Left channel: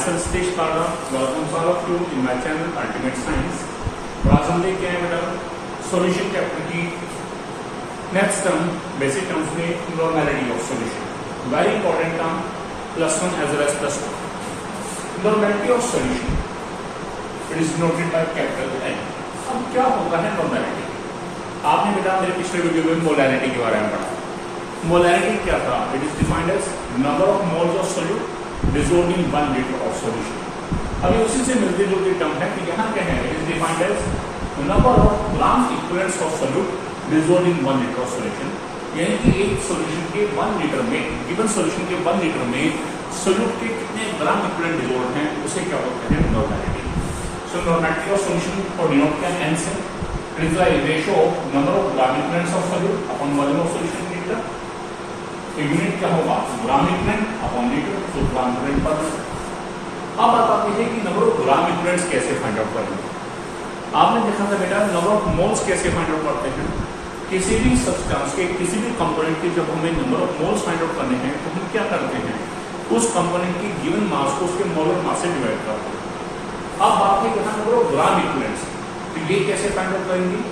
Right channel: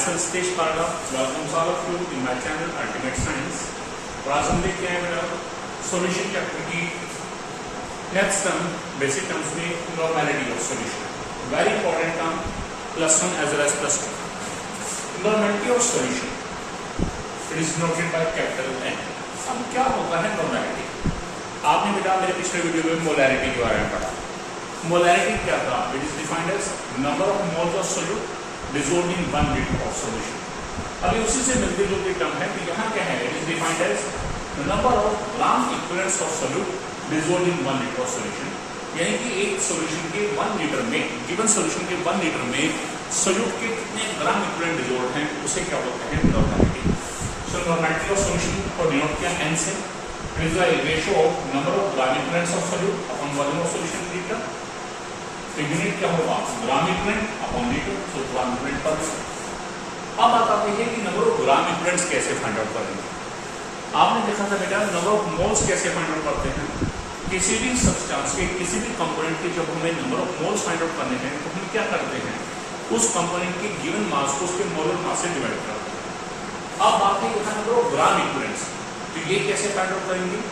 myself Satish Parda, welcomes all of you in my channel Ultimate Science। और आज हम देखते हैं बेटा सॉल्यूशन चैप्टर की नेक्स्ट टर्म बेसिक टर्म्स में normality of solution, very important term, +1 as well as +2। Normality of solution it is noted by capital N। अब क्या होता है नॉर्मेलिटी? आपने बेटा मेरे पिछले वीडियो में मोलैरिटी के बारे में पढ़ा। मोलैरिटी क्या था? It is defined as number of moles of solute dissolved in 1 liter of solution। अभी उसी से मिलती जुलती टर्म है कि यहाँ क्या है? It is defined as number of gram equivalents of solute dissolved in 1 liter of solution। यानी कि एक सॉल्यूशन के 1 लीटर में, गिवन सॉल्यूशन के 1 लीटर में सॉल्यूट के कितने ग्राम इक्विवेलेंट डिसॉल्व हैं, उसे क्या बोलते हैं? Normality. So normality of solution को डिनोट किया N से। It is the ratio of number of gram equivalents of solute upon volume of solution litre. Unit क्या होगा? ग्राम इक्विवेलेंट अपॉन लीटर, तो ग्राम इक्विवेलेंट पर। अब बताते हैं कि नंबर ऑफ ग्राम इक्विवेलेंट्स कैसे फाइंड आउट करेंगे। आपने देखा था बेटा नंबर ऑफ मोल्स कैसे फाइंड आउट करते हैं। किसी भी सब्सटेंस के किसी भी कंपोनेंट के जब हमें number of moles find out करने हैं तो हम क्या करते हैं? उस कंपोनेंट के गिवन मास को उसके मोलर मास से डिवाइड करते हैं। अब बात है यहाँ नंबर ऑफ ग्राम इक्विवेलेंट्स, तो ये कैसे फाइंड आउट करेंगे?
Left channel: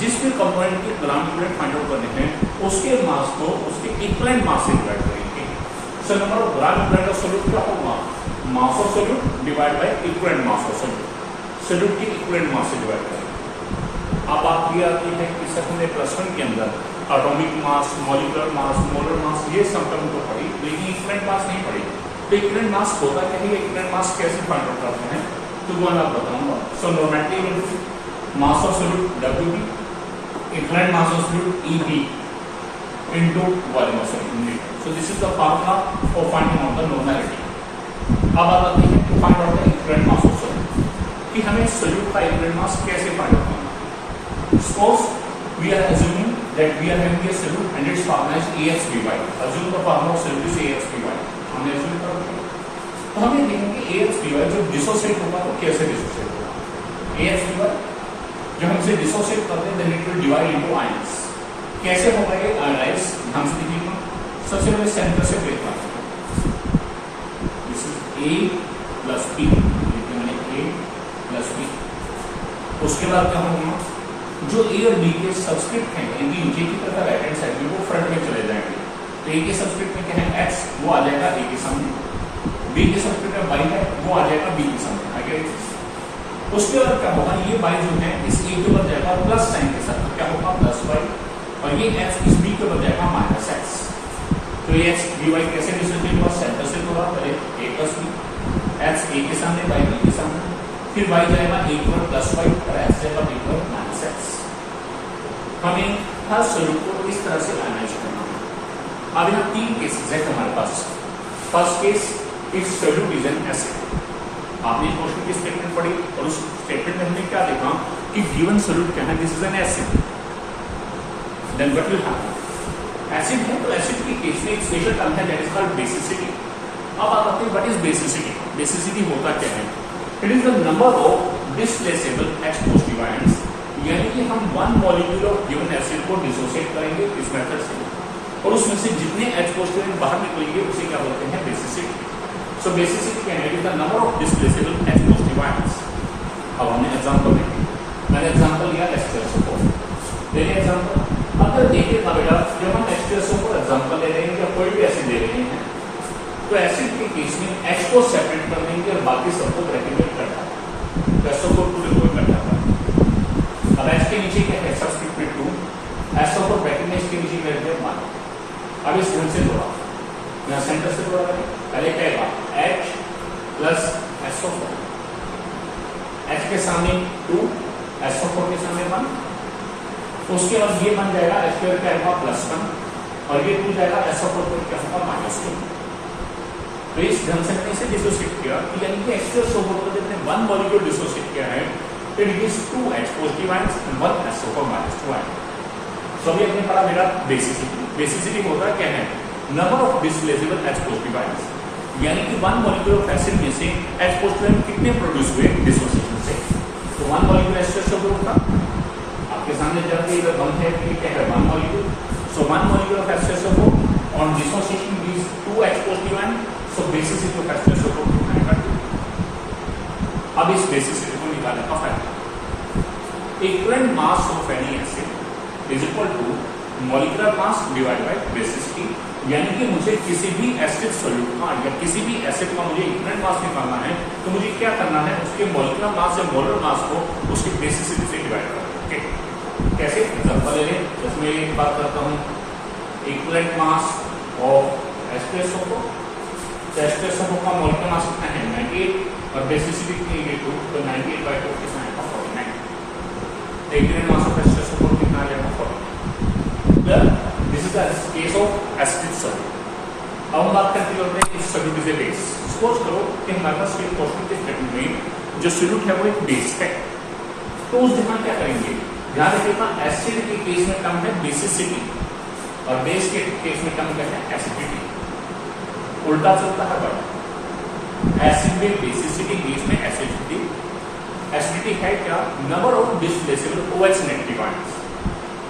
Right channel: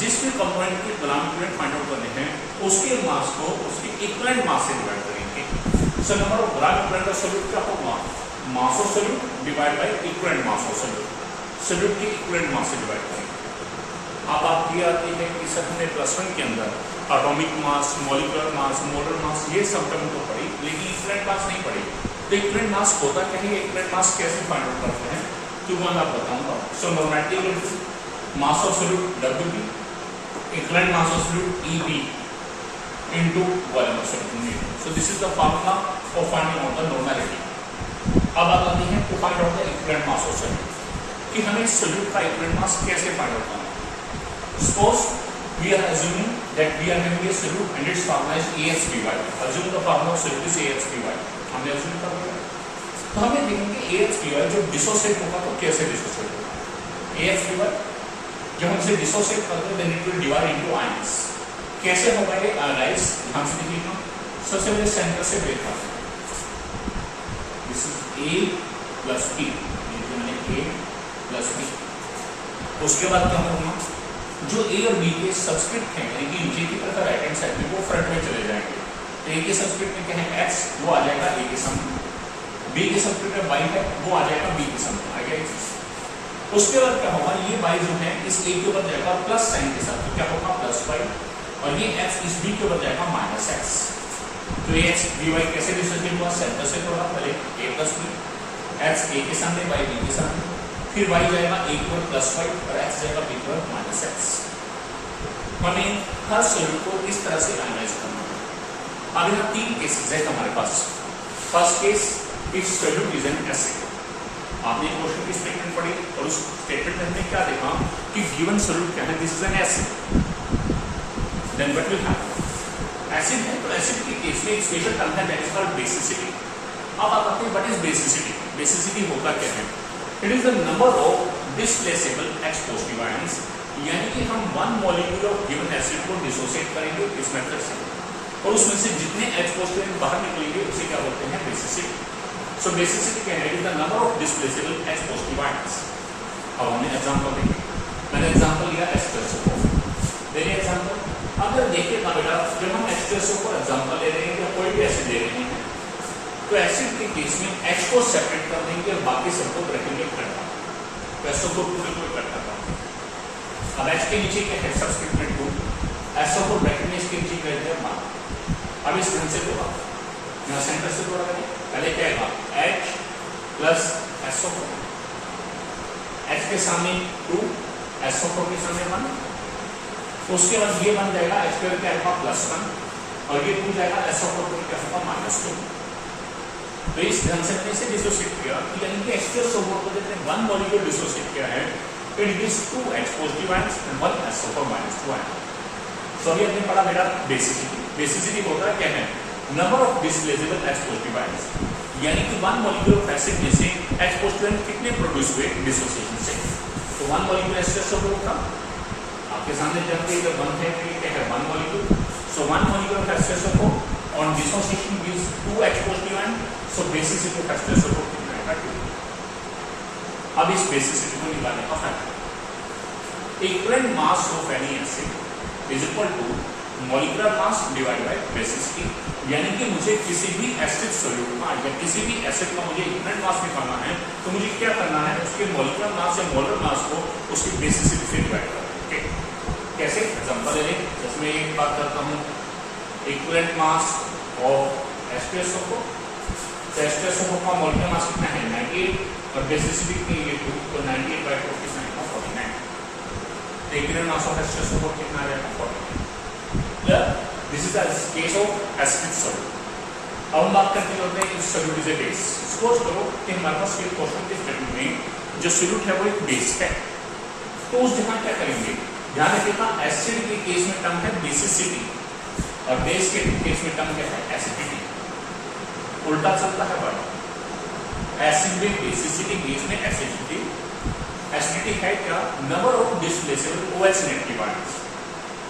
जिस भी कंपोनेंट के ग्राम इक्विवेलेंट फाइंड आउट करने हैं उसके मास को उसके इक्विवेलेंट मास से डिवाइड करेंगे। सो number of gram equivalent of solute क्या होगा? Mass of solute divide by equivalent mass of solute, solute के इक्विवेलेंट मास से डिवाइड करेंगे। अब बात ये आती है कि सर हमने +1 के अंदर atomic mass, molecular mass, molar mass ये सब टर्म तो पढ़ी, लेकिन इक्विवेलेंट मास नहीं पढ़ी। तो इक्विवेलेंट मास होता क्या है? इक्विवेलेंट मास कैसे फाइंड आउट करते हैं तो वो मैं बताऊंगा। So normality mass of solute Wb, equivalent mass of solute Eb into volume of solute। So this is the formula for finding out the normality। अब आते हैं to find out the equivalent mass of solute कि हमें solute का equivalent mass कैसे find out करना है। Suppose we are assuming that we are having a solute and its formula is AXBY। Assume the formula of solute is AXBY। हमने assume कर लिया, तो हमें देखेंगे AXBY जब डिसोसिएट होगा तो कैसे डिसोसिएट होगा। AXBY जब हम इसे डिसोसिएट करते हैं then it will divide into ions. कैसे होगा ये आयनाइज? ध्यान से देखिए, सबसे पहले सेंटर से ब्रेक करते हैं। This is A + B, A + B। उसके बाद क्या होगा? जो A और B के सब्सक्रिप्ट हैं यानी नीचे की तरफ राइट हैंड साइड में वो फ्रंट में चले जाएंगे। तो A के सब्सक्रिप्ट में क्या है? X, वो आ जाएगा A के सामने। B के सब्सक्रिप्ट में Y है, वो आ जाएगा B के सामने। आ गया। उसके बाद क्या होगा? ये y जो है इस a के ऊपर जाएगा प्लस साइन के साथ, तो क्या होगा? +y। और ये x इस b के ऊपर जाएगा -x। तो ये x by कैसे डिसोसिएट हुआ? सेंटर से होगा, पहले a + b, x a के सामने, y b के सामने, फिर y जाएगा a के ऊपर +y और x जाएगा b के ऊपर -x। हमें हर सॉल्यूट को इस तरह से एनालाइज करना है। अब ये 3 केसेस है हमारे पास। First case, if solute is an acid. आपने क्वेश्चन की स्टेटमेंट पढ़ी और उस स्टेटमेंट में हमने क्या देखा कि गिवन सॉल्यूट क्या है? This is an acid. Then what will happen? Acid है तो एसिड के केस में एक स्पेशल टर्म है दैट इज कॉल्ड बेसिसिटी। अब आप आते हैं व्हाट इज बेसिसिटी? बेसिसिटी होता क्या है? It is the number of displaceable H positive ions, यानी कि हम 1 मॉलिक्यूल ऑफ गिवन एसिड को डिसोसिएट करेंगे इस मेथड से और उसमें से जितने H पॉजिटिव आयन बाहर निकलेंगे उसे क्या बोलते हैं? Basicity. So basicity can have the number of displaceable H positive ions। अब हमने एग्जांपल देखे, मैंने एग्जांपल लिया H2SO4। देखिए एग्जांपल, अगर देखिएगा बेटा जब हम H2SO4 एग्जांपल ले रहे हैं या कोई भी एसिड ले रहे हैं तो एसिड के केस में H को सेपरेट कर देंगे और बाकी सबको ब्रैकेट में कर देंगे, तो SO4 पूरे को कर देता है। अब H के नीचे क्या है? सब्सक्रिप्ट में 2, SO4 ब्रैकेट में इसके नीचे कर देते हैं 1। अब इस ढंग से जोड़ा, यहाँ सेंटर से जोड़ा करें, पहले क्या है? H + SO4, H के सामने 2, SO4 के सामने 1। तो उसके बाद ये बन जाएगा H2 क्या होगा? +1 और ये 2 जाएगा SO4 को क्या होगा? -2। तो इस ढंग से मैंने इसे डिसोसिएट किया, यानी कि H2SO4 को जब 1 मॉलिक्यूल डिसोसिएट किया है it gives 2 H positive ions and 1 SO4 -2 ion. तो अभी हमने पढ़ा मेरा बेसिसिटी। बेसिसिटी होता क्या है? Number of displaceable H positive ions, यानी कि 1 मॉलिक्यूल ऑफ एसिड में से H पॉजिटिव आयन कितने प्रोड्यूस हुए डिसोसिएशन से। तो 1 मॉलिक्यूल H2SO4 था, आपके सामने जब भी इधर 1 है कि क्या है? 1 molecule. So 1 molecule of H2SO4 on dissociation gives 2 H positive ion. So basicity of H2SO4 कितना है? अब इस बेसिसिटी को निकालने का फायदा, equivalent mass of any acid is equal to molecular mass divide by basicity. यानी कि मुझे किसी भी एसिड सॉल्यूट का या किसी भी एसिड का मुझे इक्विवेलेंट मास निकालना है तो मुझे क्या करना है, उसके मॉलिक्यूलर मास या मोलर मास को उसकी बेसिसिटी से डिवाइड करना है। कैसे एग्जांपल ले लें, जैसे मैं एक बात करता हूँ इक्विवेलेंट मास ऑफ H2SO4, तो H2SO4 का मॉलिक्यूलर मास कितना है 98 और बेसिसिटी कितनी है 2, तो 98/2 कितना आएगा 49। इक्विवेलेंट मास ऑफ H2SO4 कितना आ जाएगा 49। This is the case of acidic solute. अब हम बात करते होते हैं इस solute is a base. Suppose करो कि हमारे पास एक क्वेश्चन के स्टेटमेंट में जो सॉल्यूट है वो एक बेस है, तो उस जगह क्या करेंगे, ध्यान रखिएगा एसिड के केस में टर्म है बेसिसिटी और बेस के केस में टर्म क्या है एसिडिटी। उल्टा चलता है वर्ड, एसिड में बेसिसिटी, बेस में एसिडिटी। एसिडिटी है क्या, number of displaceable OH negative ions.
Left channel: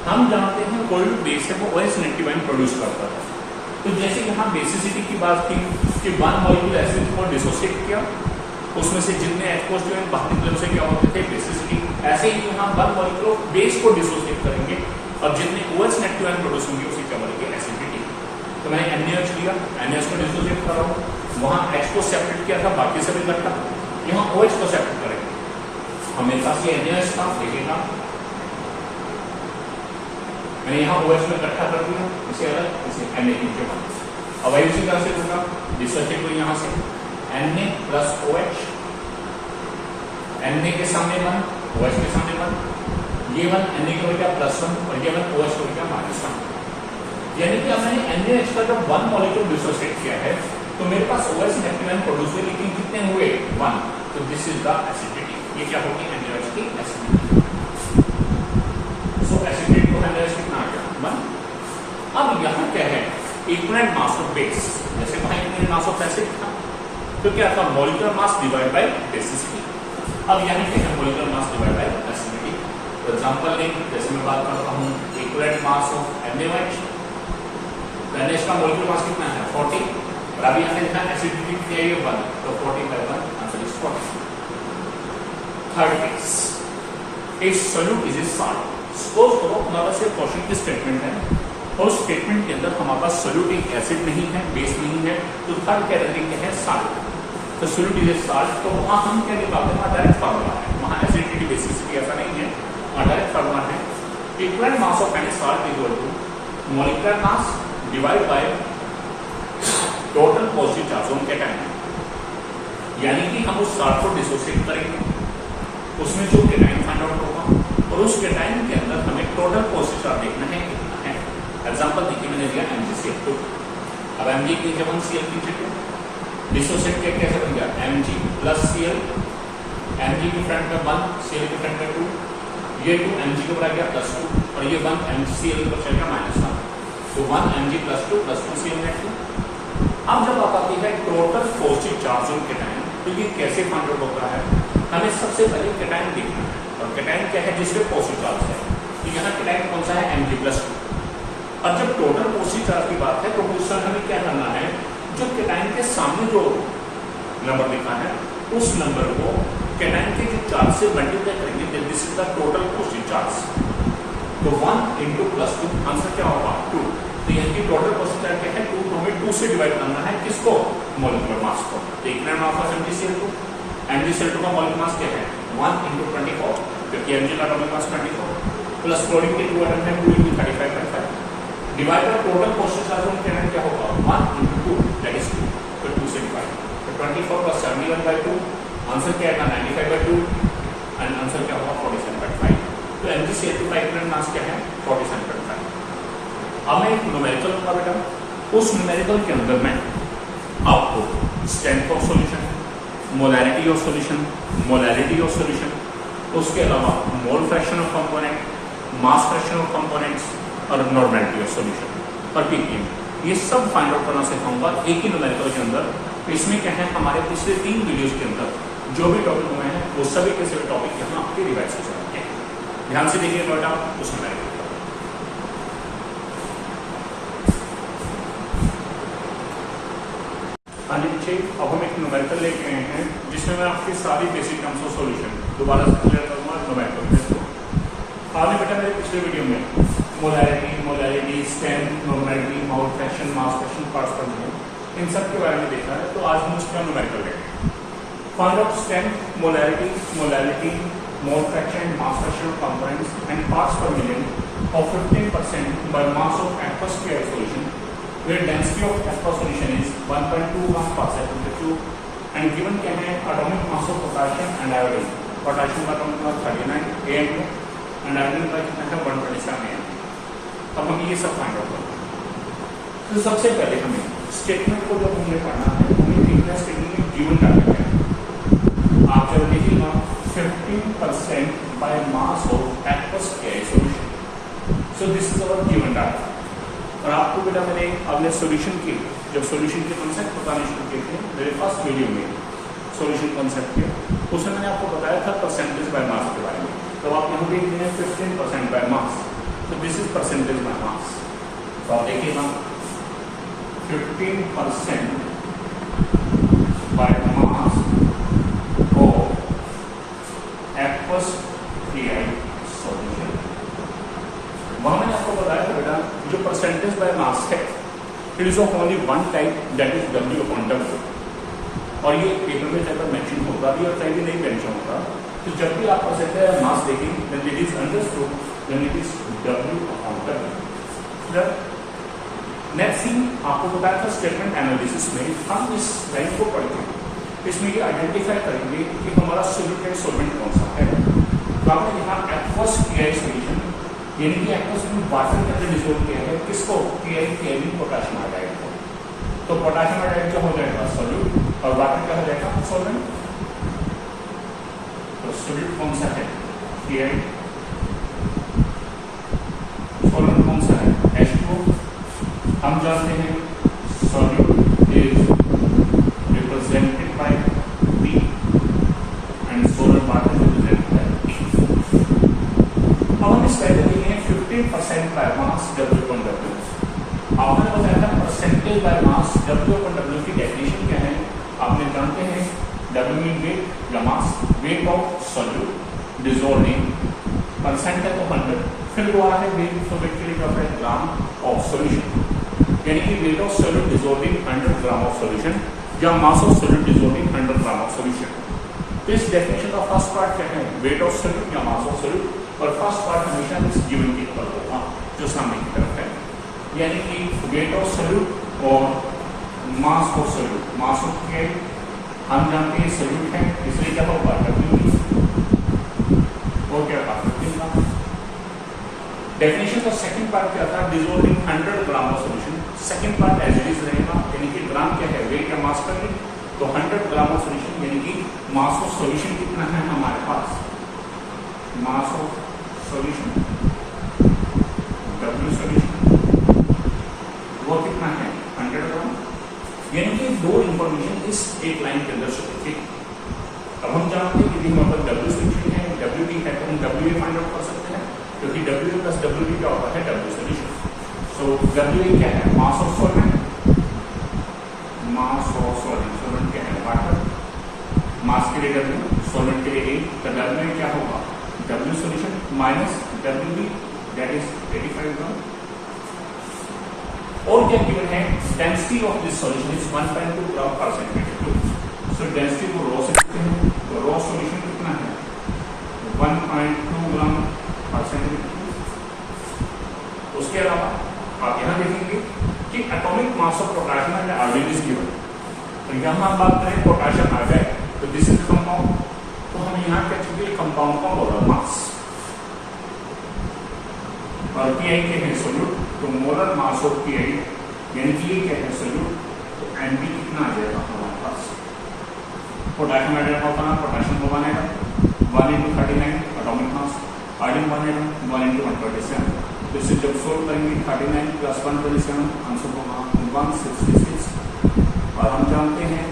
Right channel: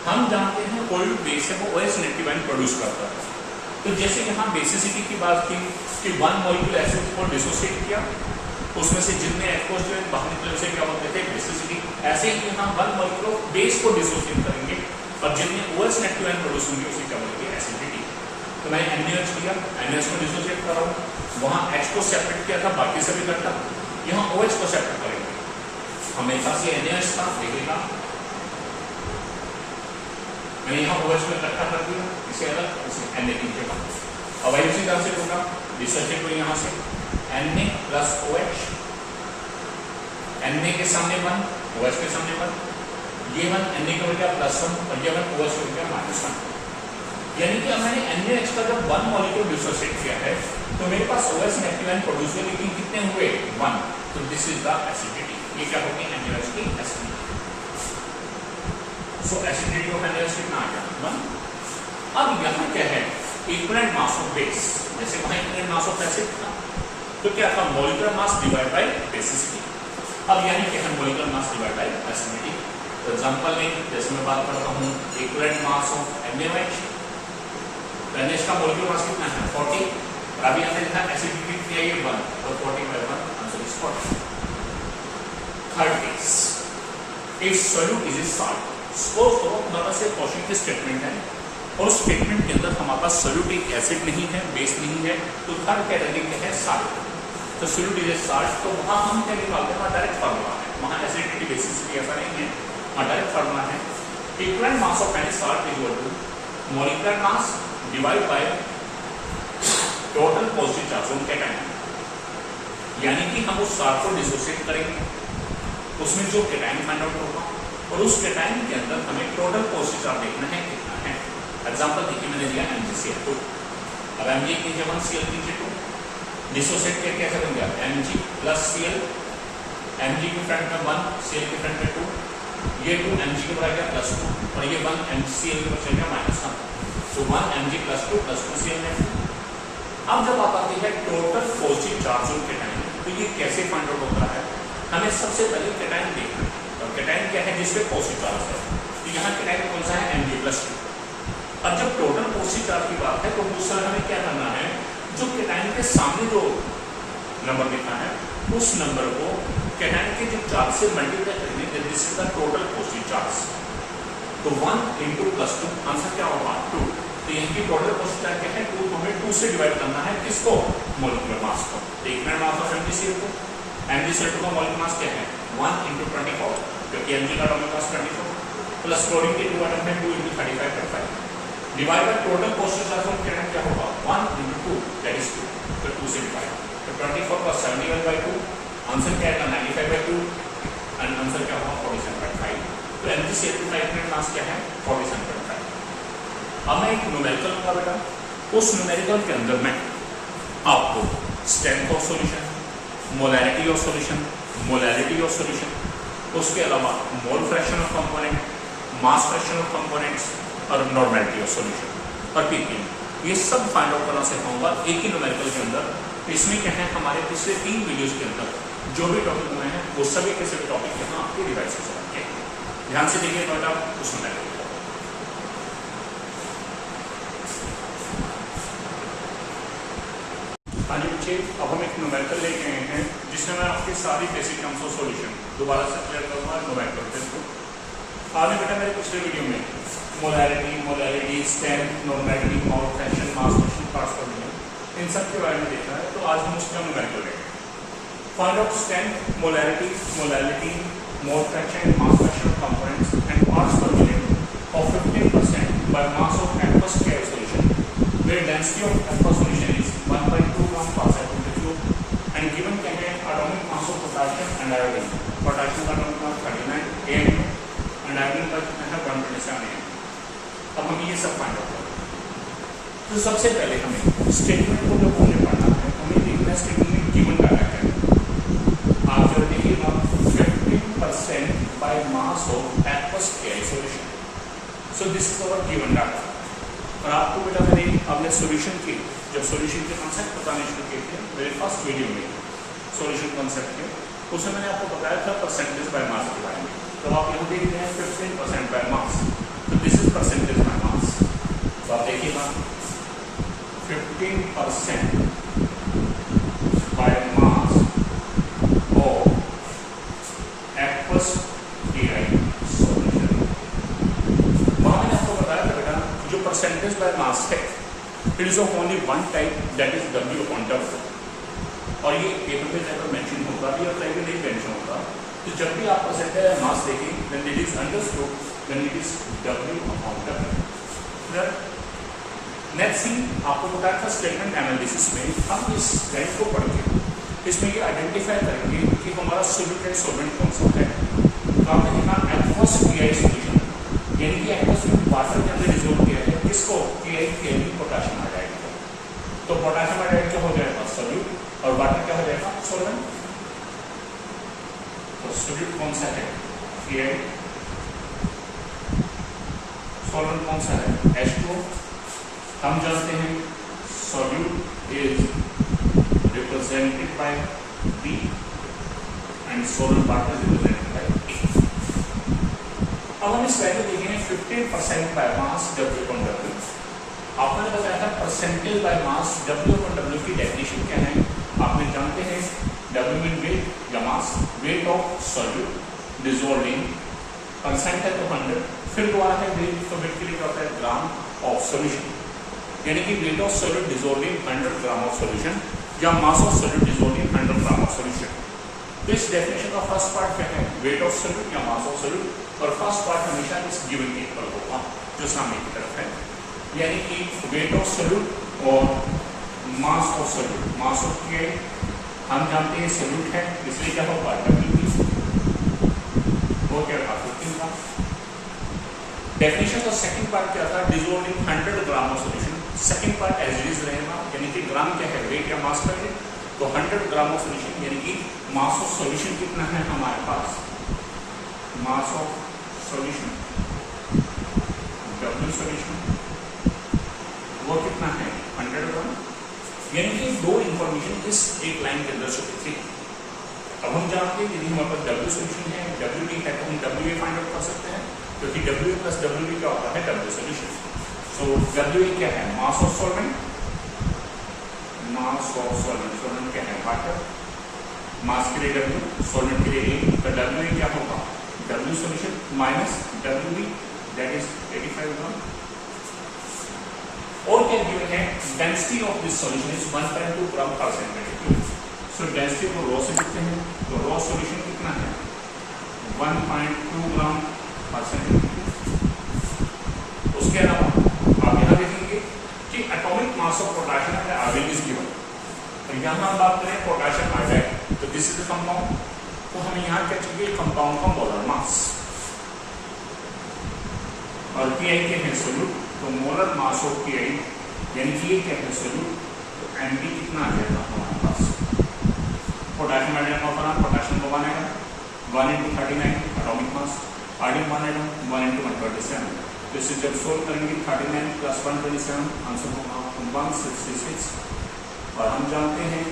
हम जानते हैं कोई भी बेस है वो OH नेगेटिव आयन प्रोड्यूस करता है। तो जैसे यहाँ बेसिसिटी की बात थी कि वन मॉलिक्यूल एसिड को डिसोसिएट किया, उसमें से जितने H जो है बाहरी तरफ से क्या होते थे बेसिसिटी, ऐसे ही यहाँ वन मॉलिक्यूल बेस को डिसोसिएट करेंगे और जितने OH नेगेटिव आयन प्रोड्यूस होंगे उसे क्या बोलेंगे एसिडिटी। तो मैंने NaOH लिया, NaOH को डिसोसिएट कर रहा हूँ, वहाँ H को सेपरेट किया था बाकी सभी इकट्ठा, यहाँ OH को सेपरेट करेंगे। हमेशा से NaOH था देखिएगा, मैंने यहाँ OH में इकट्ठा कर दिया, इसे अलग, इसे Na के बाद। अब वही उसी तरह से लूंगा डिसोसिएट को यहाँ से Na प्लस OH, Na के सामने 1, OH के सामने 1, ये 1 Na का हो गया +1 और ये 1 OH हो गया -1। यानी कि अब मैंने NaOH का जब 1 मॉलिक्यूल डिसोसिएट किया है तो मेरे पास OH नेगेटिव आयन प्रोड्यूस हुए, लेकिन कितने हुए 1, तो दिस इज द एसिडिटी। ये क्या होगी NaOH की एसिडिटी। सो एसिडिटी को NaOH कितना आ गया 1। अब यहाँ क्या है इक्विवेलेंट मास ऑफ बेस, जैसे वहां इक्विवेलेंट मास ऑफ एसिड था तो क्या था molecular mass divide by basicity. अब यानी कि है molecular mass divide bye acidity. तो एग्जांपल लेंगे, जैसे मैं बात करता हूँ इक्विवेलेंट मास ऑफ NaOH, तो NaOH का मॉलिक्यूलर मास कितना है 40 और अभी यहाँ लिखा एसिडिटी कितनी है 1, तो 40/1 answer is 40। Third case, if solute is a salt. Suppose करो हमारे पास एक क्वेश्चन की स्टेटमेंट है और उस स्टेटमेंट के अंदर हमारे पास सॉल्यूट एक एसिड नहीं है, बेस नहीं है, तो थर्ड कैटेगरी क्या है सॉल्ट। तो सॉल्यूट इज ए सॉल्ट, तो वहां हम क्या निकालते हैं, डायरेक्ट फार्मूला है, वहां एसिडिटी बेसिसिटी ऐसा नहीं है, वहां डायरेक्ट फार्मूला है equivalent mass of any salt is equal to molecular mass divide by total positive charge on cation. यानी कि हम उस सॉल्ट को डिसोसिएट करेंगे, उसमें जो कैटायन फाइंड आउट होगा और उस कैटायन के अंदर हमें टोटल पॉजिटिव चार्ज देखना है कितना है। एग्जांपल देखिए मैंने लिया MgCl2, अब Mg की है 1 Cl2 डिसोसिएट करके कैसे बन गया Mg प्लस Cl, Mg के फ्रंट में 1 Cl के फ्रंट में 2, ये 2 Mg के ऊपर आ गया +2 और ये 1 MgCl के ऊपर चल गया -1, तो 1 Mg +2 +2 Cl2। अब जब आप आती है total positive charge on cation, तो ये कैसे फाइंड आउट होता है, हमें सबसे पहले कैटायन देखना है और कैटायन क्या है जिसपे पॉजिटिव चार्ज है, तो यहाँ कैटायन कौन सा है Mg+2। अब जब टोटल पॉजिटिव चार्ज की बात है तो उस समय हमें क्या करना है, जो कैटायन के सामने जो नंबर लिखा है उस नंबर को कैटायन के जो चार्ज से मल्टीप्लाई करेंगे, this is the total positive charge. तो 1 × +2 आंसर क्या होगा 2। तो यहाँ की टोटल पॉजिटिव चार्ज क्या है 2, तो हमें 2 से डिवाइड करना है किसको, मॉलिक्यूलर मास को। Equivalent mass of MgCl2, MgCl2 का मॉलिक्यूलर मास क्या है 1 × 24, क्योंकि Mg का मॉलिक्यूलर मास 24 प्लस क्लोरीन के 2 एटम है 2 × 35/5 divide by total positive charge on cation क्या होगा 1 × 2 दैट इज 2, तो 2 से डिवाइड, तो 24 + 71/2 आंसर क्या आएगा 95/2 एंड आंसर क्या होगा 47/5। तो MgCl2 का इक्विवेलेंट मास क्या है 47/5। अब मैं एक न्यूमेरिकल लूंगा बेटा, उस न्यूमेरिकल के अंदर मैं आपको strength of solution, molarity of solution, molarity of solution, उसके अलावा मोल fraction of component, mass fraction of components और नॉर्मेलिटी ऑफ सॉल्यूशन और ppm, ये सब फाइंड आउट करना सिखाऊंगा एक ही न्यूमेरिकल के अंदर। तो इसमें क्या है हमारे पिछले 3 वीडियोस के अंदर जो भी टॉपिक हुए हैं वो सभी के सभी टॉपिक यहाँ आपके रिवाइज हो सकते हैं। ध्यान से देखिए बेटा उस न्यूमेरिकल। हाँ जी बच्चे, अब हम एक न्यूमेरिकल लेके आए हैं हैं जिसमें मैं आपकी सारी बेसिक टर्म्स ऑफ सॉल्यूशन दोबारा से क्लियर करूँगा नोमेनक्लेचर को। आपने बेटा मेरे पिछले वीडियो में molarity, strength, normality, mole fraction, mass fraction, parts पर इन सब के बारे में देखा है। तो आज हम उसका न्यूमेरिकल देखेंगे। Find out strength, molarity, mouth fraction, mass fraction components and parts पर million of 15% by mass of aqueous pure solution, where density of aqueous solution is 1.2 grams per centimeter cube, and given क्या है atomic mass of potassium and iodine. Potassium का atomic mass 39 am and iodine का कितना है 127 am. अब हम ये सब फाइंड आउट करेंगे। तो सबसे पहले हमें स्टेटमेंट को जब हमें पढ़ना है हमें देखना है स्टेटमेंट में गिवन डाटा है। आप जब देखिएगा 15% by mass of aqueous pure solution. So this is our given data. और आपको बेटा मैंने अपने सॉल्यूशन के जब सॉल्यूशन के कॉन्सेप्ट बताने शुरू किए थे मेरे फर्स्ट वीडियो में सॉल्यूशन कॉन्सेप्ट के उसमें मैंने आपको बताया था परसेंटेज बाय मास के बारे में। तो आप यहाँ देख रहे हैं 15% बाय मास, तो दिस इज परसेंटेज बाय मास। तो आप देखिएगा 15% बाय मास और एक्वस सॉल्यूशन। मैंने आपको बताया था बेटा जो परसेंटेज बाय मास है it is of only one type that is W upon W, और ये पेपर में टाइप मेंशन होगा भी और टाइप में नहीं मेंशन होगा। तो जब भी आप परसेंटेज बाय मास देखें then it is understood then it is W upon W। Next thing आपको बताया था स्टेटमेंट एनालिसिस में हम इस लाइन को पढ़ते हैं, इसमें ये आइडेंटिफाई करेंगे कि हमारा सॉल्यूटेड सॉल्वेंट कौन सा है। तो आपने देखा एक्वस पीआई सॉल्यूशन यानी कि एक्वस में वाटर के अंदर डिसॉल्व किया है किसको पीआई पोटाशियम हाइड्राइड को। तो पोटाशियम हाइड्राइड क्या हो जाएगा सॉल्यूट और वाटर क्या हो जाएगा सॉल्वेंट। तो सॉल्यूट कौन सा है पीआई, सॉल्वेंट कौन सा है H2O। हम जानते हैं solute is represented by B and solvent water is represented by P। अब हम इस वैल्यू देंगे 15% by mass W upon W। आपने बताया था percentage by mass W upon W की डेफिनेशन क्या है आपने जानते हैं W मीन वेट या mass, weight of solute dissolved in percentage of 100, फिर हुआ है वेट सॉल्यूट के लिए होता है ग्राम ऑफ सॉल्यूशन, यानी कि weight of solute dissolved in 100 gram of solution या mass of solute dissolved in 100 gram of solution. तो इस डेफिनेशन का फर्स्ट पार्ट क्या है वेट ऑफ सॉल्यूट या मास ऑफ सॉल्यूट, और फर्स्ट पार्ट हमेशा इस गिवन के इक्वल होगा जो सामने की तरफ है, यानी कि वेट ऑफ सॉल्यूट और मास of solute. Mass of pi हम जानते हैं सॉल्यूट है इसलिए क्या होगा W और क्या था 15 ग्राम। डेफिनेशन का सेकंड पार्ट क्या था dissolved in 100 gram of solution. Second part as it is रहेगा यानी कि ग्राम क्या है वेट या मास का है। तो 100 ग्राम ऑफ सॉल्यूशन यानी कि मास ऑफ सॉल्यूशन कितना है हमारे पास, mass of solution W solution वो कितना है 100 ग्राम, यानी कि दो इंफॉर्मेशन इस एक लाइन के अंदर शो होती है। अब हम जानते हैं कि हमारे पास W सॉल्यूशन है W की हम W फाइंड आउट कर सकते हैं क्योंकि W प्लस W क्या होता है W सॉल्यूशन। सो W क्या है mass of solvent, mass of solvent, solvent क्या है वाटर, मास के लिए W सॉल्वेंट के लिए A, तो W क्या होगा W solution minus WB that is 85 ग्राम। और क्या गिवन है density of this solution is 1.2 ग्राम पर सेंटीमीटर क्यूब। सो डेंसिटी को रॉ से लिखते हैं तो रॉ सॉल्यूशन कितना है 1.2 ग्राम पर सेंटीमीटर क्यूब। उसके अलावा आप यहाँ देखेंगे कि atomic mass of potassium and iodine is given. तो यहाँ हम बात करें पोटेशियम आयोडाइड तो दिस इज कंपाउंड, तो हम यहाँ क्या चाहिए कंपाउंड का मोलर मास, और पीआई के है सॉल्यूट तो मोलर मास ऑफ पीआई यानी कि ये क्या है सॉल्यूट तो Mp कितना आ जाएगा हमारे पास पोटेशियम आयोडाइड का होगा पोटेशियम को बनेगा 1 × 39 एटॉमिक मास, आयोडीन बनेगा 1 × 127। तो इसे जब सोल्व करेंगे 39 + 127 आंसर होगा 166, और हम जानते हैं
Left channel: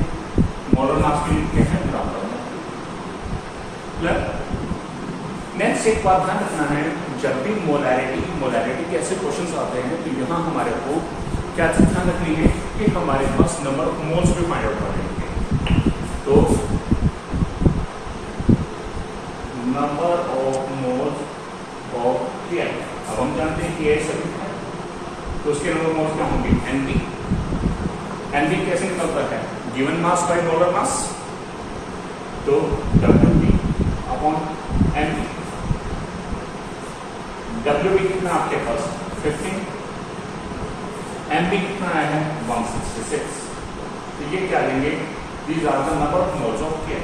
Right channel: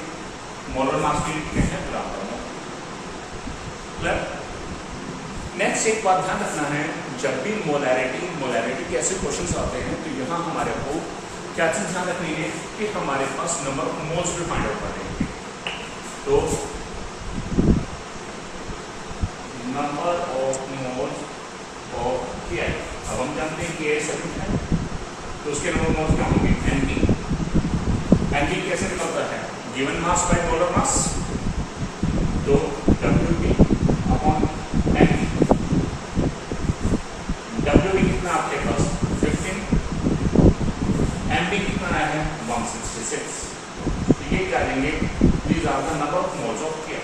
मोलर मास की क्या है ग्राम पर। नेक्स्ट एक बात ध्यान रखना है जब भी मोलैरिटी के ऐसे क्वेश्चंस आते हैं तो यहाँ हमारे को क्या चीज ध्यान रखनी है कि हमारे पास नंबर ऑफ मोल्स भी फाइंड आउट करने हैं। तो number of moles of KI। अब हम जानते हैं कि सॉल्यूट है तो उसके नंबर ऑफ मोल्स क्या होंगे, NB कैसे निकलता है, गिवन मास बाय मोलर मास, तो WB अपॉन NB। WB कितना आपके पास 15, MB कितना आया है 166। तो ये क्या लेंगे, these are the number of moles of KI।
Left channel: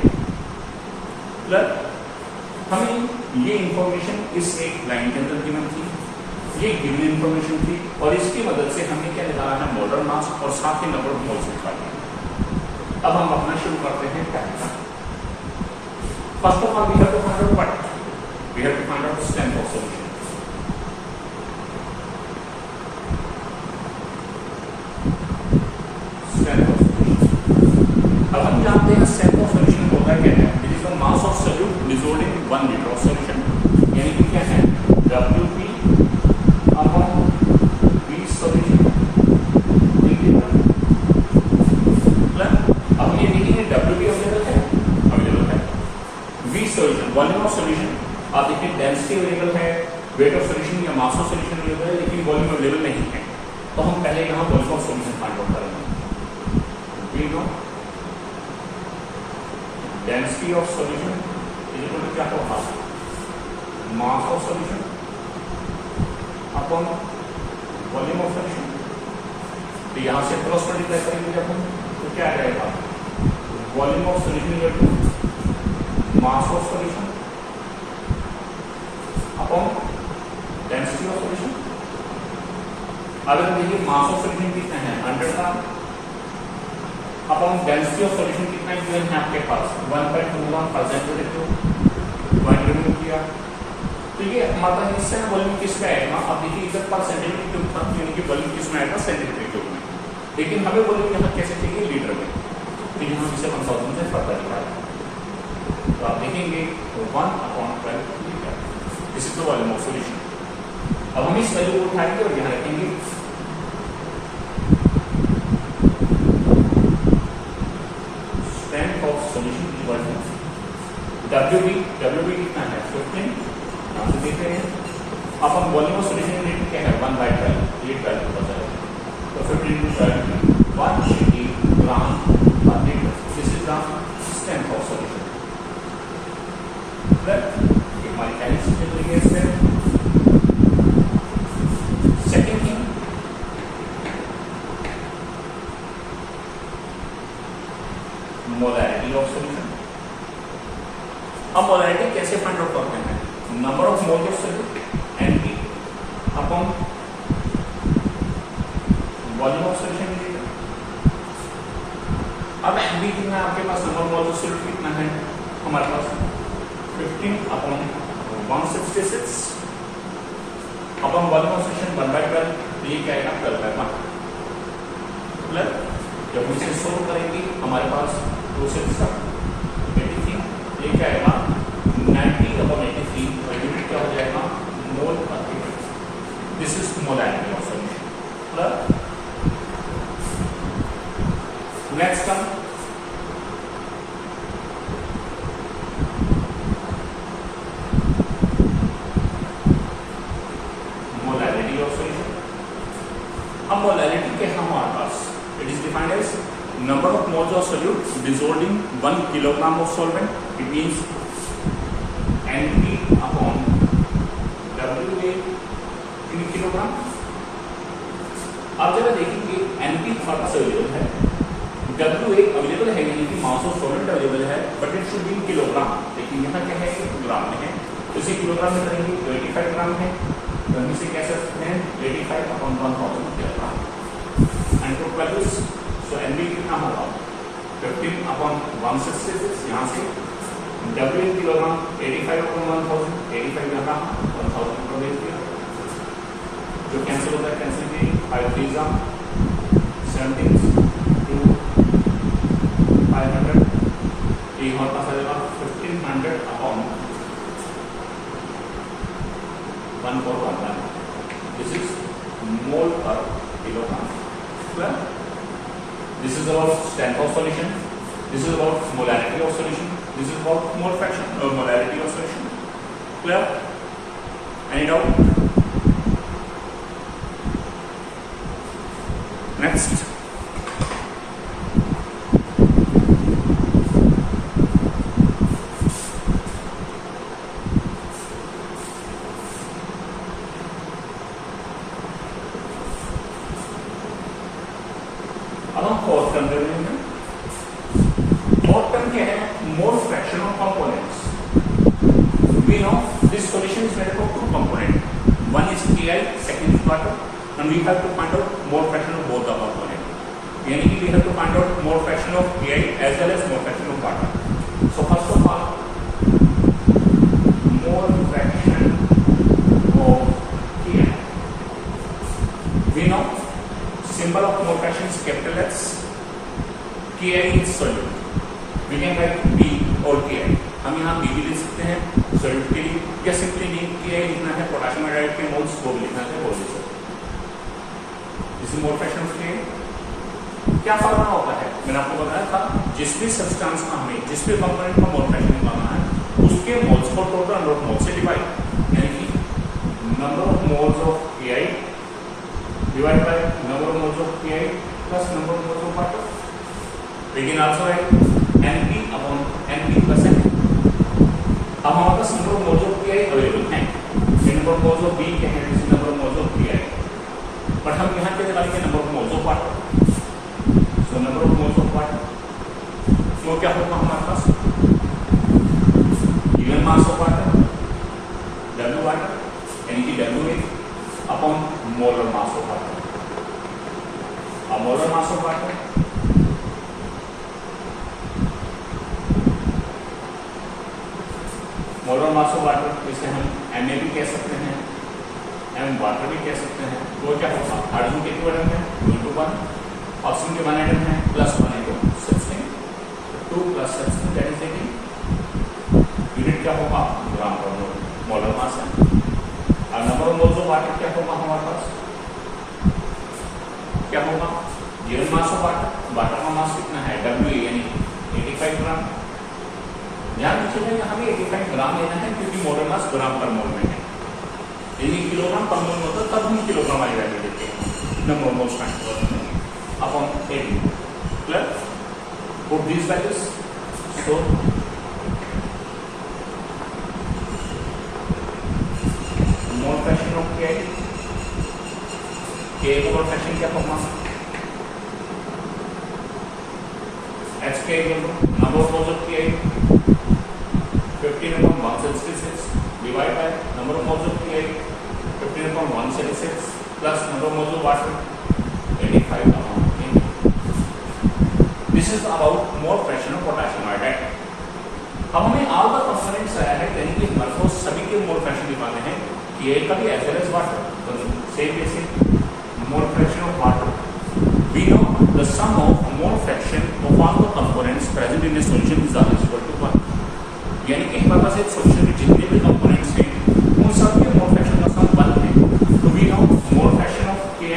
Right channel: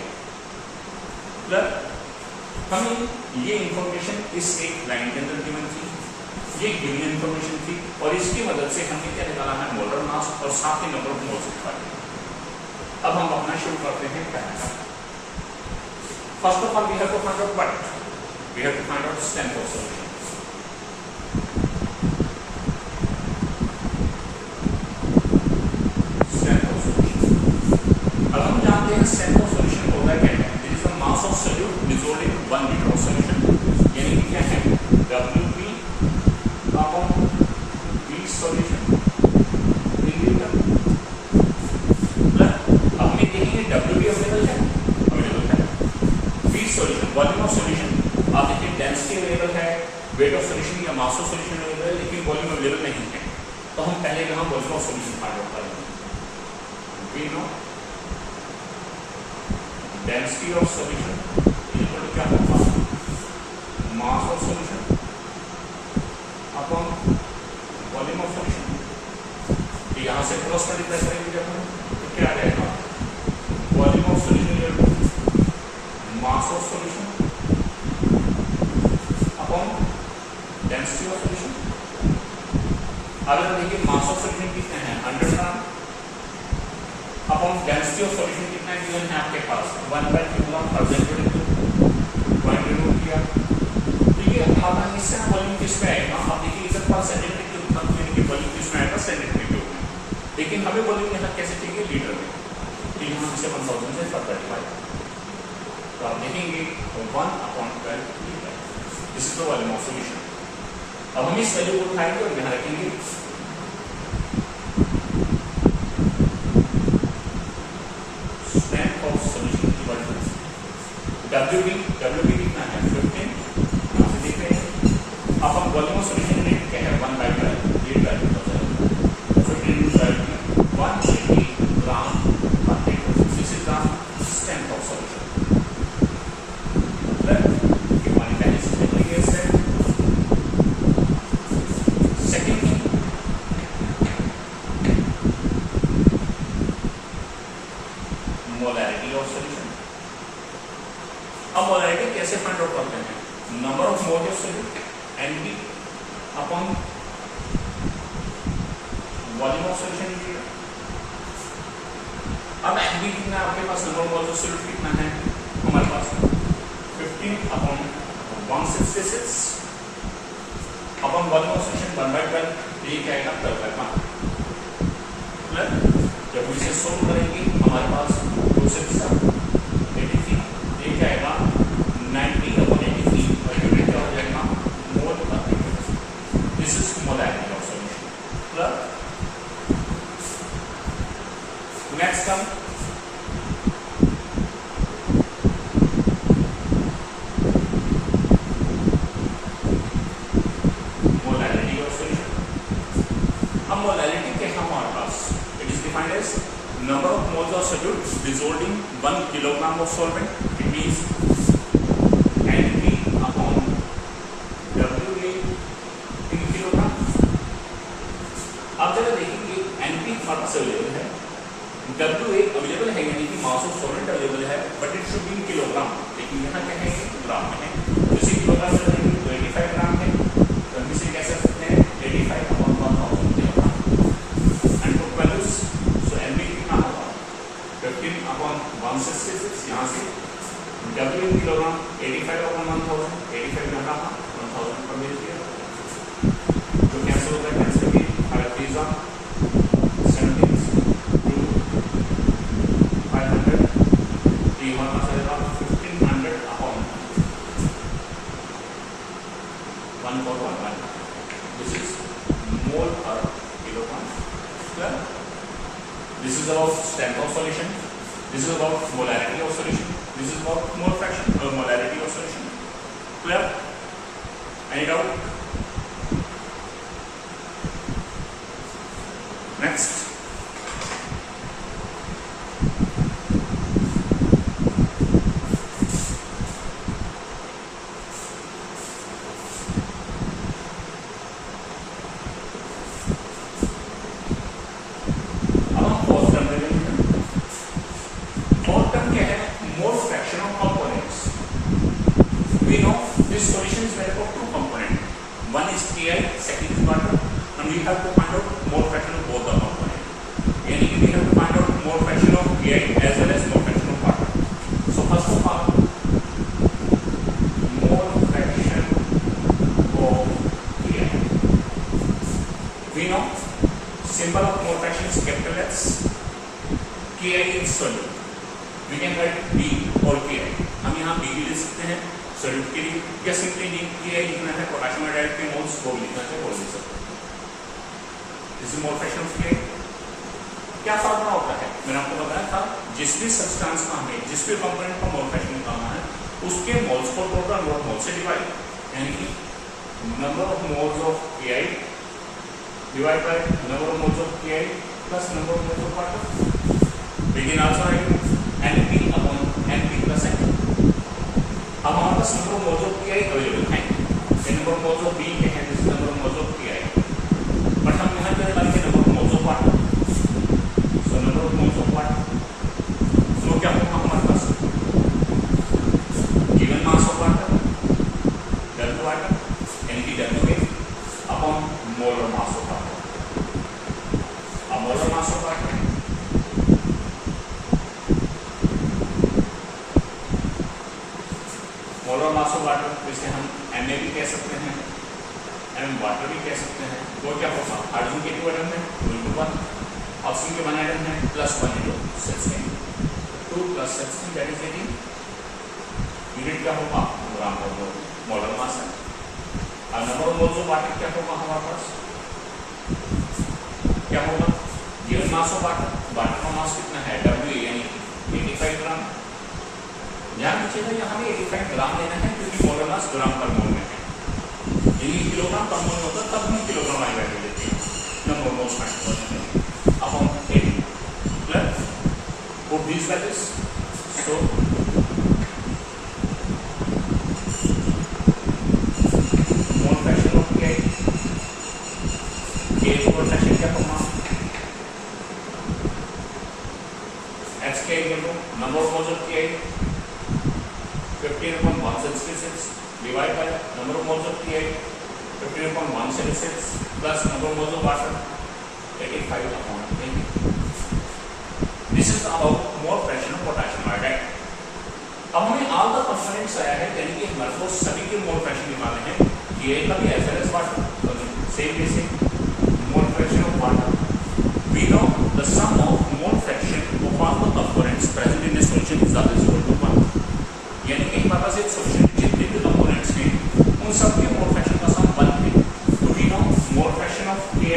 हमें ये इंफॉर्मेशन इस एक लाइन के अंदर गिवन थी, ये गिवन इंफॉर्मेशन थी और इसकी मदद से हमने क्या निकाला है, मोलर मास और साथ ही नंबर ऑफ मोल्स निकाले। अब हम अपना शुरू करते हैं पहला। First of all we have to find out what, we have to find out strength of solution. Strength of solution, अब हम जानते हैं स्ट्रेंथ ऑफ सॉल्यूशन होता क्या है, this is the mass of solute dissolved in 1 litre of solution, यानी कि क्या है WP upon V solution in litre. अब हम ये देखेंगे WP अवेलेबल है, V solution volume of solution, आप देखिए डेंसिटी अवेलेबल है, वेट ऑफ सॉल्यूशन या मास ऑफ सॉल्यूशन अवेलेबल है, लेकिन वॉल्यूम अवेलेबल नहीं है। तो हम पहले यहाँ volume of solution find out करेंगे। We know density of solution equal to क्या होगा, mass of solution upon volume of solution. तो यहाँ से क्रॉस मल्टीप्लाई करेंगे जब हम, तो क्या रहेगा, volume of solution equal to mass of solution upon density of solution. अगर देखिए मास ऑफ सॉल्यूशन कितना है 100 gram upon density of solution कितना गिवन है आपके पास 1/2 ग्राम परसेंटेज पॉइंट रिमूव किया। तो ये हमारा हिस्सा है वॉल्यूम किस में आएगा, अब देखिए इधर पर सेंटीमीटर क्यूब था, यानी कि वॉल्यूम किस में आएगा सेंटीमीटर क्यूब में, लेकिन हमें वॉल्यूम यहाँ कैसे चाहिए लीटर में, तो यहाँ से 1000 से पता दिखाया। तो आप देखेंगे 1/12 litre, this is the volume of solution. अब हम इस वैल्यू को उठाएंगे और यहाँ रखेंगे। Strength of solution equal to WB कितना है 15, यहाँ से देख रहे हैं। अपन वॉल्यूम ऑफ सॉल्यूशन यूनिट क्या है 1/12, ये वैल्यू पता है, तो 15 180 gram per litre, this is the strength of solution. हमारी पहली स्टेप लेंगे इससे। Second thing, molarity of solution. अब मोलैरिटी कैसे फाइंड आउट करते हैं, number of mole of solute NP upon volume of solution litre. अब NP कितना है आपके पास, number of mole of solute कितना है हमारे पास 15 upon 166 upon volume of solution 1/12, ये क्या आएगा 12/1 प्लस जब हम इसे सोल्व करेंगे हमारे पास 2 से 83, ये क्या आएगा 90 अपॉन 83 और यूनिट क्या हो जाएगा mole per litre. This is molarity of solution plus next term molarity of solution. अब मोलैरिटी क्या है हमारे पास, it is defined as number of moles of solute dissolved in 1 kilogram of solvent, it means NP upon WA in kilogram। अब जरा देखेंगे NP फर्क से अवेलेबल है, WA अवेलेबल है यानी कि मास ऑफ सॉल्वेंट अवेलेबल है, but it should be in kilogram, लेकिन यहाँ क्या है ग्राम में है, तो इसी किलोग्राम में रहेंगे तो 85 ग्राम है, तो हम इसे कह सकते हैं 85 upon 1000 kilogram. And to values तो NB कितना होगा 15 अपॉन 166, यहाँ से W इन किलोग्राम 85 अपॉन 1000, 85 यहाँ 1000 पर भेज दिया, जो कैंसिल होता है कैंसिल की 5 3 17 2 500, तो ये हमारे पास आ जाएगा 1500 अपॉन 1411, दिस इज मोल पर kilogram. This is about strength of solution. This is about molarity of solution. This is about mole fraction or molarity of solution. Clear? Any doubt? Next. अब हम fourth term देखेंगे। Fourth term क्या है? मोल fraction of components. We know this solution is made up of two components. One is Ki, second is water, and we have to find out mole fraction of both the components. Yani we have to find out mole fraction of Ki as well as mole fraction of water. So first of all, mole fraction of Ki. We know symbol of mole fraction is capital X. Ki is solute. We can write B or Ki. हम यहाँ B भी ले सकते हैं solute के लिए, या simply Ki लिखना है पोटेशियम हाइड्राइड के मोल्स वो भी लिखना है वो ले सकते हैं। This is mole fraction of Ki। क्या फॉर्मूला होता है? मैंने आपको बताया था जिस भी सब्सटेंस का हमें जिस भी कंपोनेंट का मोल फ्रैक्शन निकालना है उसके मोल्स को टोटल नंबर ऑफ मोल से डिवाइड, यानी कि number of moles of Ki divide by number of moles of Ki plus number of moles of water. We can also write Np upon Np plus N। अब हमारे पास number of moles of Ki available है, number of moles of B के हैं, number of moles of Ki, but हम यहाँ क्या निकालेंगे? Number of moles of water. So number of moles of water, तो क्या होगा हमारे पास? Given mass of water W water, यानी कि WA upon molar mass of water. अब molar mass of water molar mass of water जिसे हम Ma भी कह सकते हैं, M वाटर भी कह सकते हैं। तो क्या होगा? हाइड्रोजन के 2 एटम है 2 into 1, ऑक्सीजन के 1 एटम है +1 into 16, 2 + 16 दैट इज 18। यूनिट क्या होगा? ग्राम पर मोल, मोलर मास है। और number of moles of water क्या होगा हमारे पास? क्या होगा? Given mass of water, water का मास कितना है? W यानी 85 ग्राम। ध्यान रखिएगा यहाँ पे 85 ग्राम लेना है क्योंकि मोलर मास ग्राम पर मोल में है, यदि किलोग्राम पर मोल होता तब हम किलोग्राम वाली वैल्यू लेते हैं। नंबर ऑफ मोल्स फाइंड करते हैं upon 80 plus put these values. So mole fraction of Ki, K mole fraction क्या होगा? HK number of moles of Ki 15/166 divided by number of moles of Ki 15/166 plus number of moles of water 85/10. This is about mole fraction of potassium iodide. अब हमें all the components आया है, यानी कि हमारे को सभी के मोल फ्रैक्शन निकालने हैं, Ki का भी as well as water। Same basic mole fraction of water. We know the sum of mole fraction of all the components present in a solution is always equal to 1. यानी कि हमारे पास एक solution में जितने भी components हैं उन सब के मोल फ्रैक्शन का सम 1 है। तो we know mole fraction of Ki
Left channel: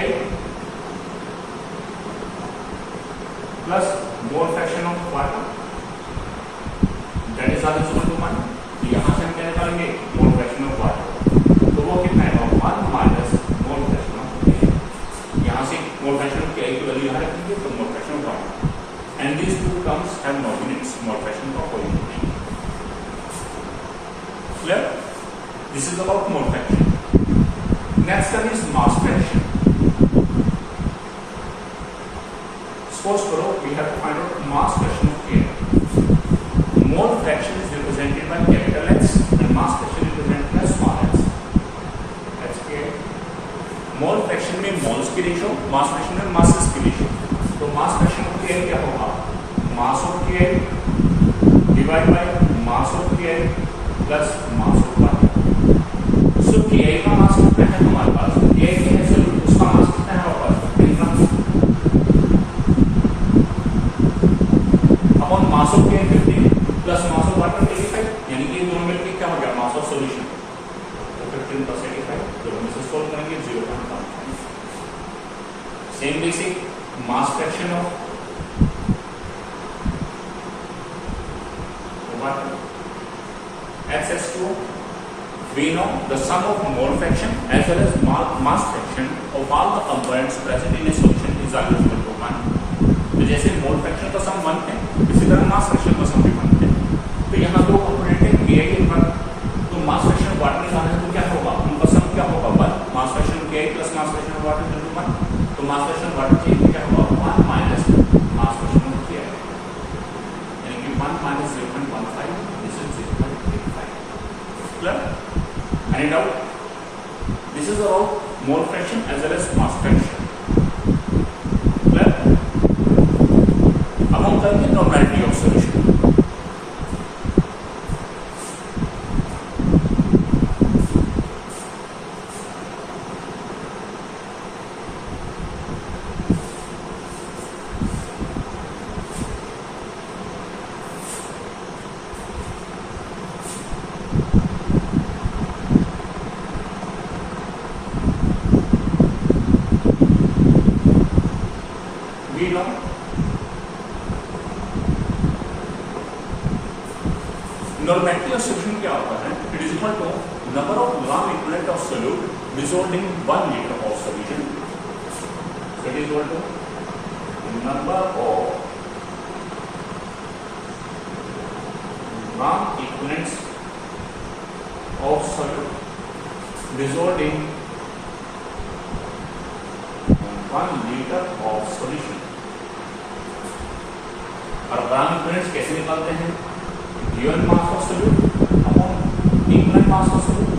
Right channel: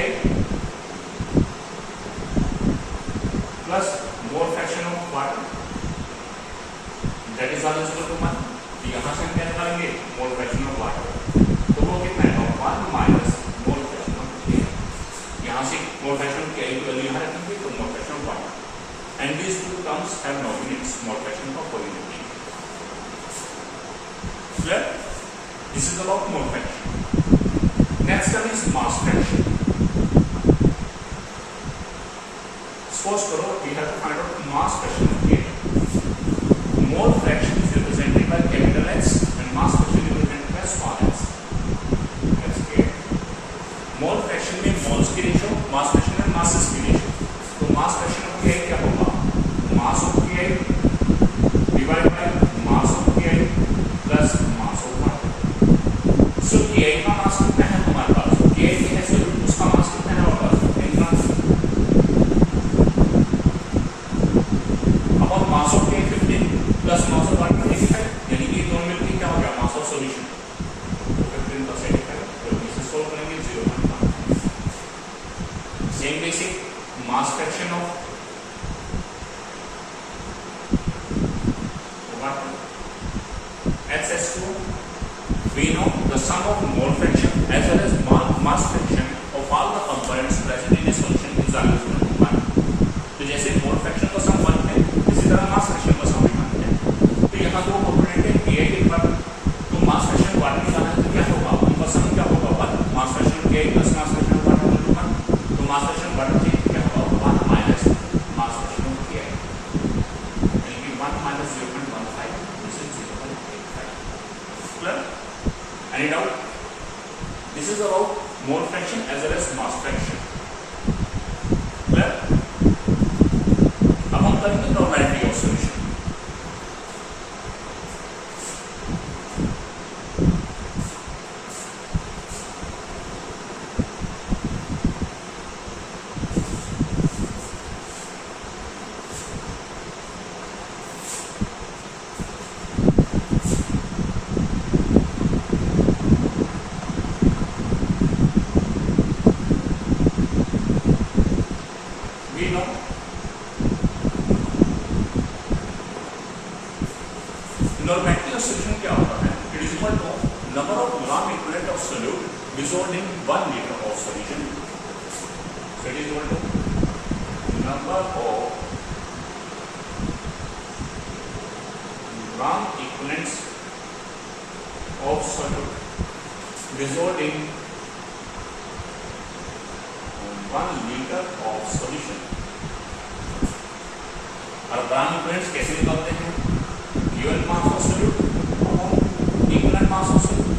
plus mole fraction of water that is also equal to 1। यहाँ से हम क्या निकालेंगे? मोल फ्रैक्शन ऑफ वाटर, तो वो कितना है? 1 minus mole fraction of Ki। यहाँ से मोल फ्रैक्शन ऑफ Ki की वैल्यू यहाँ रखेंगे तो mole fraction of water, and these two terms have no units. Mole fraction का कोई यूनिट नहीं। This is about mole fraction. Next term is mass fraction. Suppose करो we have to find out mass fraction of Ki. Mole fraction is represented by capital X and mass fraction is represented by small x. Mole fraction में moles की ratio, mass fraction में masses की ratio. तो मास fraction of Ki क्या होगा? Mass of Ki divide by mass of Ki plus mass of water. So Ki का मास कितना है हमारे पास? Ki है सॉल्यूट, उसका मास कितना है हमारे पास? 15 ग्राम upon mass of Ki 15 plus mass of water 85, यानी कि दोनों मिलकर क्या हो गया? मास ऑफ सॉल्यूशन। तो 15 + 85 तो इसे सॉल्व करेंगे 0.5। Same basic mass fraction of water HH2 we know the sum of mole fraction as well as mass fraction of all the components present in a solution is always equal to 1. तो जैसे मोल fraction का सम 1 है, इसी तरह mass fraction का सम भी 1 है। तो यहाँ दो कंपोनेंट है KI के 1, तो मास फ्रैक्शन वाट निकालना है तो क्या होगा, उनका सम क्या होगा 1, mass fraction KI plus mass fraction water equal to 1। तो मास फ्रैक्शन वाट के क्या होगा 1 माइनस मास फ्रैक्शन KI, यानी कि 1 minus 0.15, this is 0.85। Clear? Any doubt? This is about mole fraction as well as mass fraction. Clear? अब हम करेंगे normality of solution. We know normality of solution क्या होता है, it is equal to number of gram equivalent of solute dissolved in 1 litre of solution. So it is equal to number of gram equivalents of solute dissolved in 1 litre of solution. और gram equivalents कैसे निकालते हैं, given mass of solute upon equivalent mass of solute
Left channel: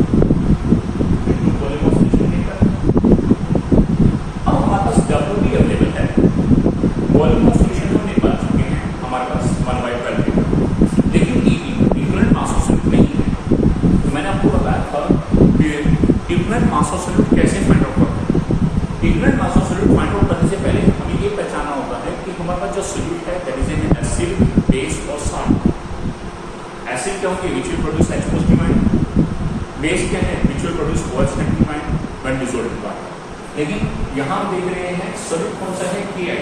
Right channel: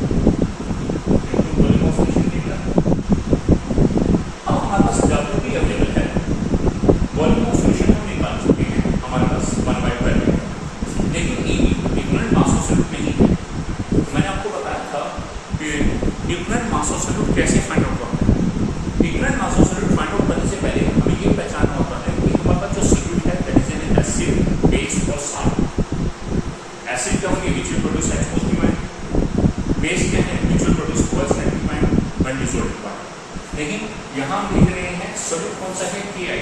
into volume of solution litre. अब हमारे पास W भी available है, volume of solution हम निकाल चुके हैं, हमारे पास 1/12 लीटर, लेकिन इक्विवेलेंट मास ऑफ सोल्यूट नहीं है। तो मैंने आपको बताया था कि इक्विवेलेंट मास ऑफ सोल्यूट कैसे फाइंड आउट करते हैं। Equivalent mass of solute find out करने से पहले हमें ये पहचानना होता है कि हमारे पास जो सोल्यूट है that is an acid, base और सॉल्ट। एसिड क्या होगी, which will produce H positive ion, base क्या है, which will produce OH negative ion when dissolved in water. लेकिन यहाँ हम देख रहे हैं सोल्यूट कौन सा है, KI,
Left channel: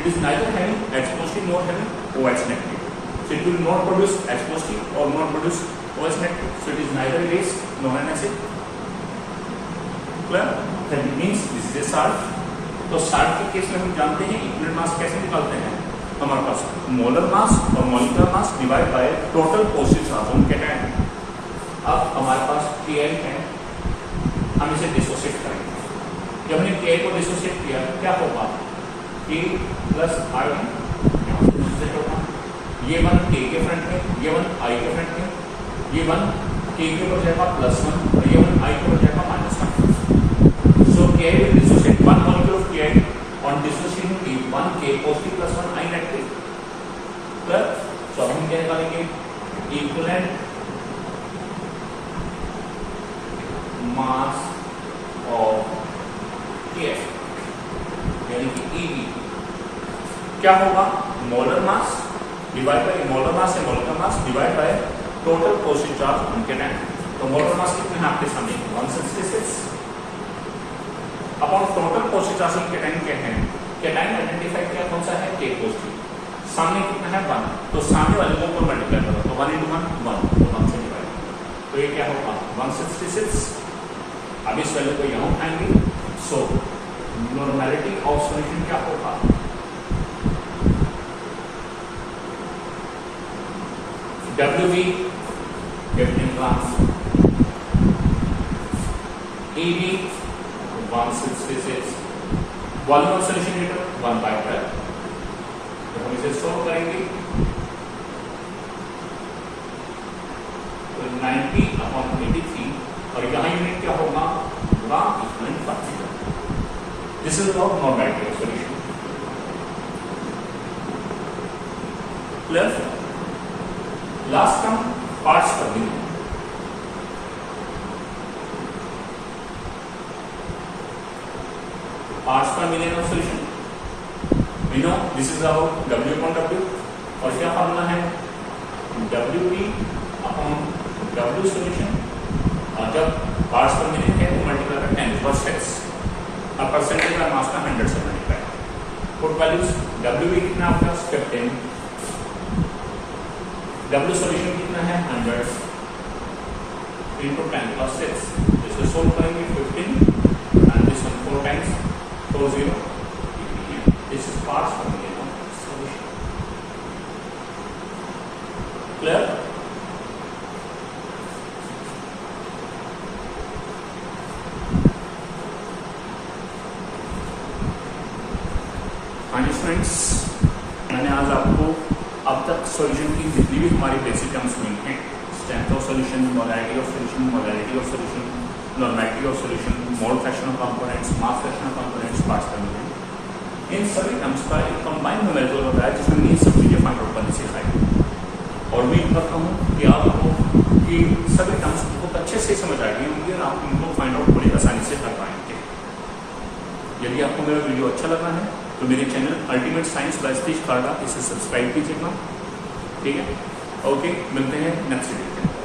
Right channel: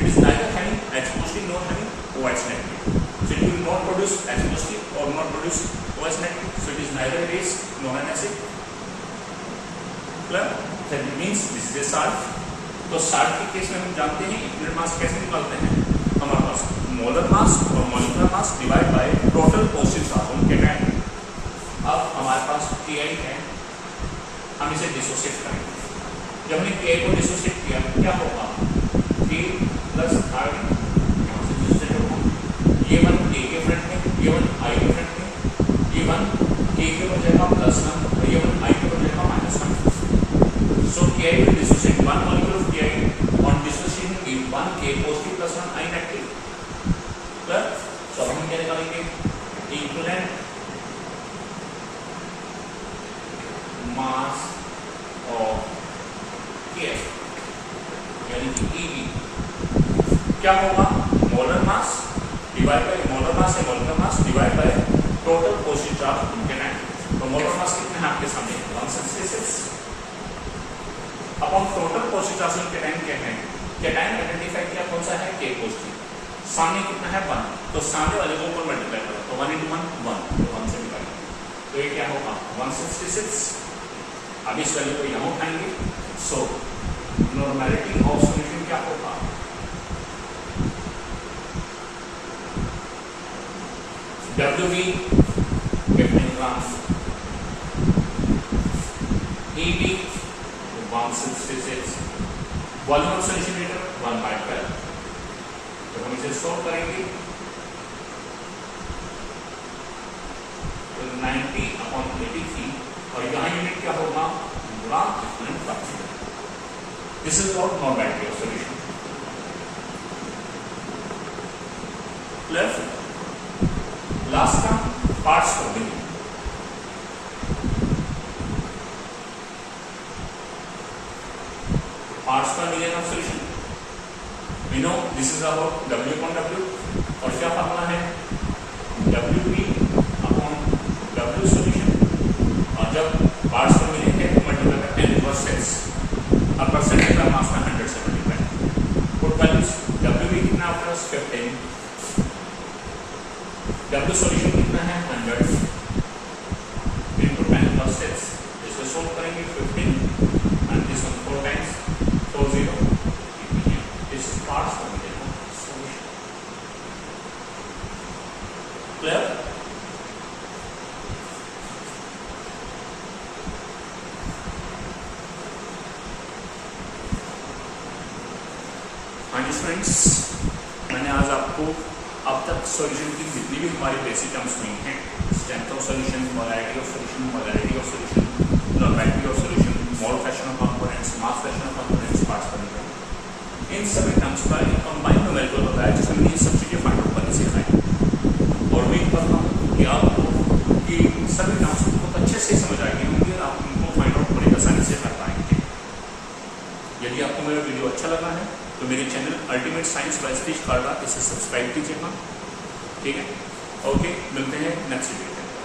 it is neither having H positive not having OH negative, so it will not produce H positive और not produce OH negative, so it is neither base nor an acid. Clear? That means this is a salt. तो salt के case में हम जानते हैं equivalent mass कैसे निकालते हैं, हमारे पास मोलर मास और molecular mass divide by total positive charge on cation. अब हमारे पास KI है, हम इसे डिसोसिएट करेंगे। जब हमने KI को डिसोसिएट किया क्या होगा, K प्लस I यहाँ से डिसोसिएट होगा, ये 1 K के फ्रंट में, ये 1 I के फ्रंट में, ये 1 K के ऊपर जाएगा +1 और ये 1 I के ऊपर जाएगा -1। So KI will dissociate 1 molecule of KI on dissociation give 1 K positive plus 1 I negative। Clear? So हम क्या निकालेंगे, इक्विवेलेंट मास ऑफ KI यानी कि EB क्या होगा, molar mass divide by molar mass है, molar mass divide by total positive charge on cation. तो molar mass कितने हैं आपके सामने 166 upon total positive charge on cation क्या है, कैटायन आइडेंटिफाई किया कौन सा है, K पॉजिटिव, सामने कितना है 1, तो सामने वाले को ऊपर मल्टीप्लाई करो तो 1 × 1 1, तो 1 से डिवाइड, तो ये क्या होगा 166। अब इस वैल्यू को यहाँ उठाएंगे, सो नॉर्मेलिटी ऑफ सॉल्यूशन क्या होगा, WV 15 gram, EB 166, volume of solution litre 1/12। तो हम इसे सॉल्व करेंगे तो 90/83 और यहाँ यूनिट क्या होगा, ग्राम इक्विवेलेंट पर litre. This is about normality of solution. Clear? Last term parts कर देंगे। parts per million of solution, we know this is about W/W और क्या फार्मूला है WP अपॉन W solution, और जब parts per million है तो मल्टीप्लाई करते हैं 10^6 और परसेंटेज का मास का 100 से मल्टीप्लाई। पुट वैल्यूज WP कितना आपके पास 15, W solution कितना है 100 into 10 plus 6. इसको सोल्व करेंगे 15 and this one 4 times 4 0. This is parts formula solution. Clear? हाँ जी फ्रेंड्स, मैंने आज आपको अब तक सॉल्यूशन की जितनी भी हमारी बेसिक टर्म्स हुई हैं, strength of solution, molarity of solution, molarity of solution, normality of solution, mole fraction of components, mass fraction of components, parts component, इन सभी टर्म्स का एक कंबाइंड न्यूमेरिकल बताया जिसमें मैंने ये सब चीज़ें फाइंड आउट करनी सिखाई। और उम्मीद करता हूँ कि आपको कि सभी टर्म्स बहुत अच्छे से समझ आएंगे होंगे और आप उनको फाइंड आउट बड़ी आसानी से कर पाएंगे। यदि आपको मेरा वीडियो अच्छा लगा है तो मेरे channel ultimate science by Satish Kharda इसे सब्सक्राइब कीजिएगा। ठीक है, ओके, मिलते हैं नेक्स्ट वीडियो में।